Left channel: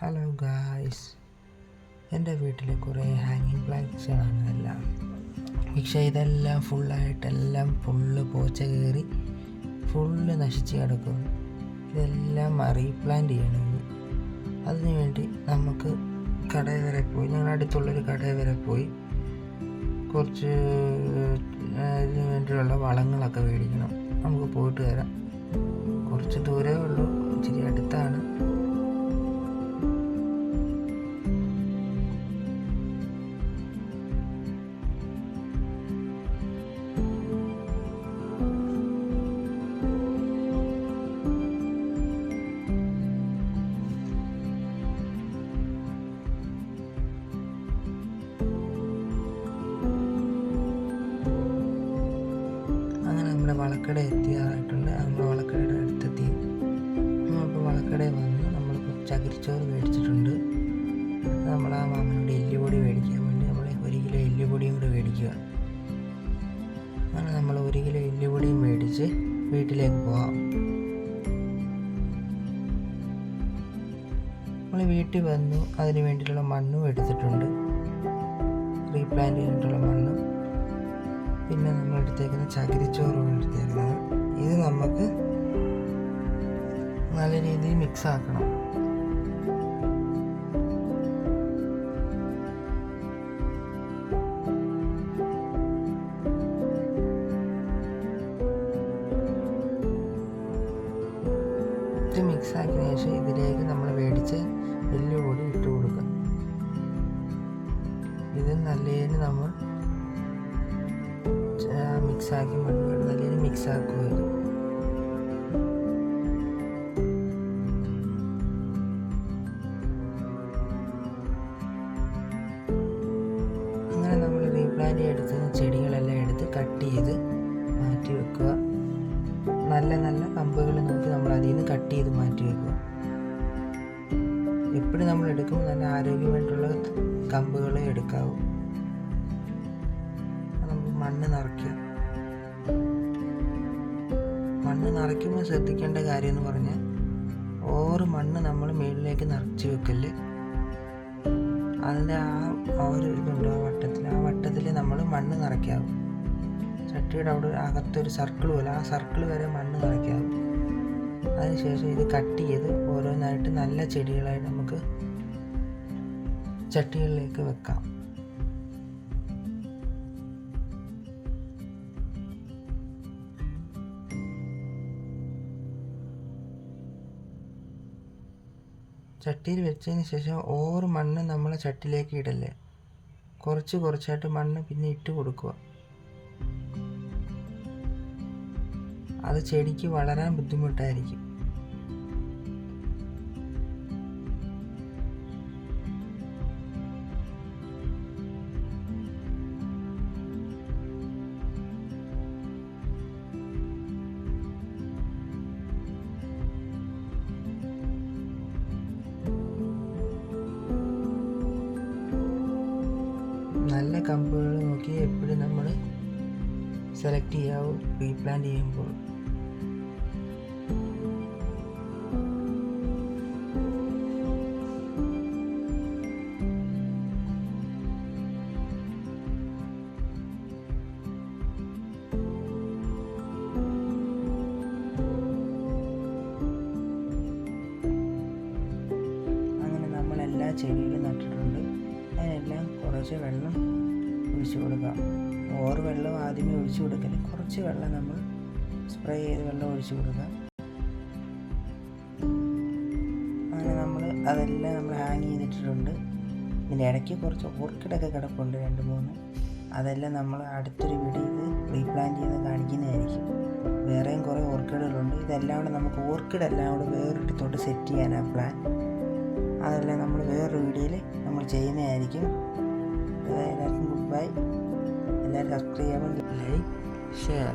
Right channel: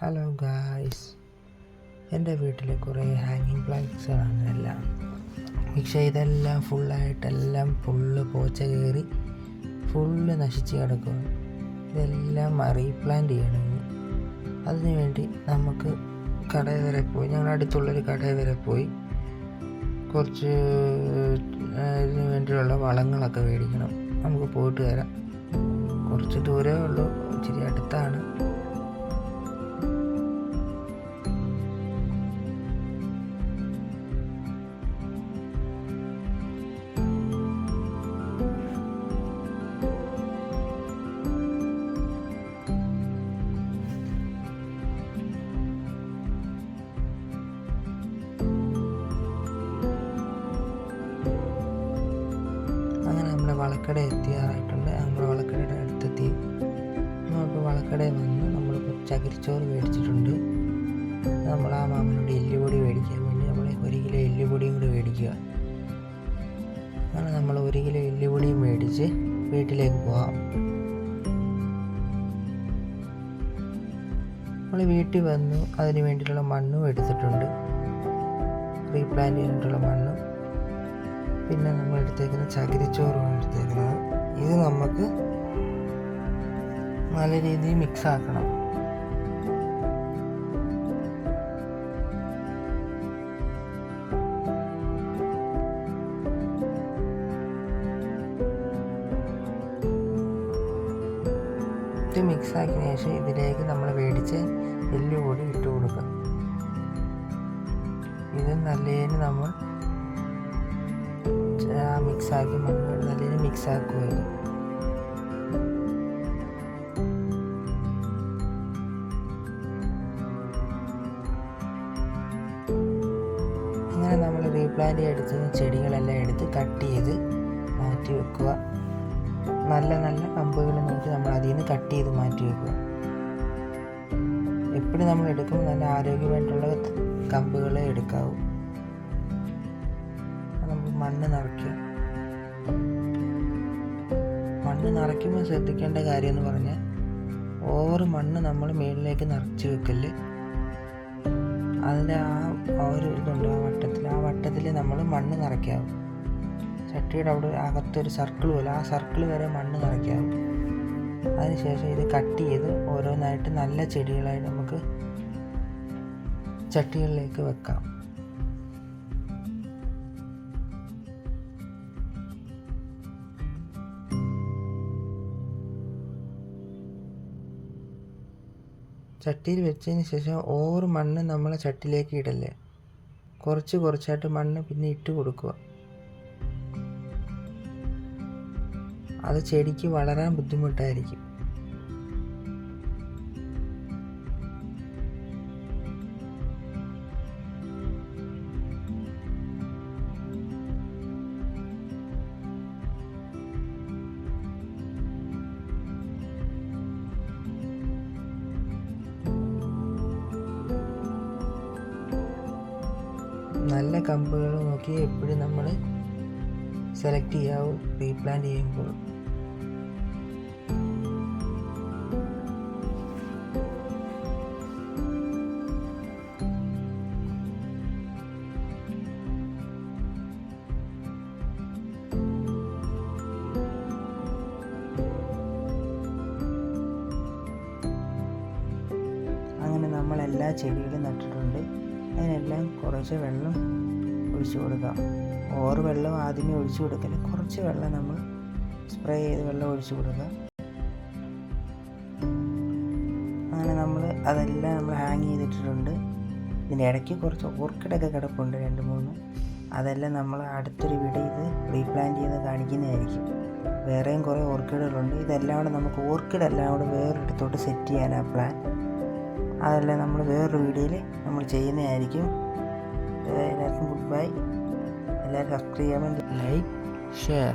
Hello guys, എൻ്റെ വീട്ടിൽ കുറേ ഹാങ്ങിങ് പ്ലാന്റ്സുകളാണ് എല്ലാം. പക്ഷേ ഇതെല്ലാം ഫുള്ള് പോച്ച കയറി ഫുള്ള് നശിച്ച് കിടക്കുകയാണ്. ഇതെല്ലാം റീപ്ലാന്റ് ചെയ്യണം. അതിനു വേണ്ടി നമുക്ക് കടയിൽ വരെ പോയി, ഞങ്ങളുടെ അടുത്തുള്ളൊരു കടയിൽ വരെ പോയി കുറച്ച് ഇതിനു വേണ്ടിയുള്ള വളങ്ങളൊക്കെ മേടിക്കണം. നമുക്ക് പോയിട്ട് വരാം. കുറച്ച് ദൂരമേ ഉള്ളൂ, ഇച്ചിരി അടുത്താണ്. അങ്ങനെ നമ്മുടെ വളക്കട എത്തിയാറായിട്ടുണ്ട്. നമ്മൾ വളക്കടയുടെ അടുത്തെത്തി. നമ്മളിപ്പോൾ വളക്കടയിൽ വന്ന് നമ്മൾ ചകിരിച്ചോറ് മേടിച്ചിട്ടുണ്ട്. നമ്മൾ ആ മാമനോട് എല്ലുപൊടി മേടിക്കാൻ വേണ്ടി നമ്മൾ 1 കിലോ എല്ലുപൊടിയും കൂടി മേടിക്കുക. അങ്ങനെ നമ്മൾ 1 കിലോ എല്ലുപൊടിയും മേടിച്ച് വീട്ടിലേക്ക് പോകാം. നമ്മൾ വീട്ടിൽ വന്നു, അതിന് വേണ്ടിയിട്ടുള്ള മണ്ണും എടുത്തിട്ടുണ്ട്, റീപ്ലാന്റ് ചെയ്യാനായിട്ടുള്ള മണ്ണും. പിന്നെ നമ്മൾ എടുത്തേക്കുന്ന ചകിരിച്ചോറുമാണ് എടുത്തേക്കുന്നത്. ഇത് നമുക്ക് നല്ല രീതിയിൽ മിക്സ് ആക്കണം. ഇത് മിക്സ് ആക്കിയതിന് ശേഷം ഇതിലേക്ക് നമ്മൾ മേടിച്ച എല്ലുപൊടി ഇട്ട് കൊടുക്കുക. ഇത് നല്ലതിന് നമ്മൾ മിക്സാക്കി മണ്ണ് നല്ലതിന് മിക്സാക്കുക. അങ്ങനെ നമ്മൾ റീപ്ലാന്റ് എടുത്തുന്ന ചെടികളെല്ലാം എടുത്ത് കട്ട് ചെയ്ത് മാറ്റി വെക്കുക. നല്ല കമ്പുകൾ നോക്കി നമ്മൾ അതിൽ നിന്ന് കട്ട് ചെയ്ത് മാറ്റി വെക്കുക. എപ്പോഴും നമ്മൾ എടുക്കുമ്പോൾ നല്ല ആരോഗ്യമായിട്ടുള്ള കമ്പുകളെ എടുക്കാവൂ. മണ്ണ് നിറയ്ക്കുക. മണ്ണ് നിറയ്ക്കുമ്പോൾ ശ്രദ്ധിക്കേണ്ട കാര്യം എന്ന് പറഞ്ഞാൽ ഓവർ മണ്ണ് നമ്മൾ മുകളിലേക്ക് നിറച്ച് വെക്കല്. അതിൻ്റെ ആ ഒരു ഇതുണ്ട്, ആ വട്ടത്തിൽ നമ്മൾ മണ്ണ് നിറയ്ക്കാവും. ചട്ടിയുടെ അവിടെ അകത്തൊരു സർക്കിൾ പോലെ, ആ സർക്കിൾ വരെ മണ്ണ് നിറയ്ക്കാവും. അതിനുശേഷം ഇത് കട്ട് ചെയ്ത് ഓരോന്നായിട്ട് നല്ല ചെടികളായിട്ട് നമുക്ക് ചട്ടികളിലേക്ക് വെക്കാം. ചട്ടിയിൽ വെച്ചതിന് ശേഷം ഓവർ മണ്ണ് നമ്മളെ ചട്ടിയിലേക്ക് ഇടല്ലേ, കുറച്ചായിട്ട് മണ്ണ് പിന്നെ ഇട്ട് കൊടുക്കുക. അത് ചെടിക്ക് വളരാൻ ബുദ്ധിമുട്ടായിരിക്കും. നല്ല കമ്പുകൾ നോക്കി എപ്പോഴും നമ്മൾ സെലക്ട് ചെയ്യാവും റീപ്ലാന്റ് ചെയ്യുമ്പോൾ. അങ്ങനെ നമ്മൾ എല്ലാ ചെടികളും നട്ടിട്ടുണ്ട്. അതിനെല്ലാം കുറച്ച് വെള്ളം ഒഴിച്ചു കൊടുക്കാം. ഓവർ വെള്ളം ആദ്യമേ ഒഴിച്ചു കൊടുക്കല്, കുറച്ച് വെള്ളം നമ്മൾ സ്പ്രേ ചെയ്ത് വെള്ളം ഒഴിച്ചു കൊടുക്കുക. അങ്ങനെ അതെല്ലാം നമ്മൾ ഹാങ് ചെയ്തിട്ടിട്ടുണ്ട്. ഇതിൻ്റെ ഇടയ്ക്ക് കുറച്ച് ഓർക്കിഡൊക്കെ കിടപ്പുണ്ട്, 2-3. അതെല്ലാം നമ്മൾ അടുത്തൊരു വീഡിയോ ഇത് റീപ്ലാന്റ് ചെയ്ത് കാണിക്കുന്നതായിരിക്കും. വേറെയും കുറേ ഓർക്കിഡുകളുണ്ട്. ഇതെല്ലാം കൂടെ നമുക്ക് ഓർക്കിഡെല്ലാം കൂടെ വേറൊരിടത്തോട്ട് സെറ്റ് ചെയ്യാനാണ് പ്ലാൻ. അതെല്ലാം നമ്മൾ വേറൊരു വീഡിയോയിൽ നമ്മൾ ചെയ്യുന്നതായിരിക്കും. എല്ലാവർക്കും ഗുഡ് ബൈ. എല്ലാവരും സബ്സ്ക്രൈബ് ചെയ്യാൻ, ലൈക്ക്, ഷെയർ.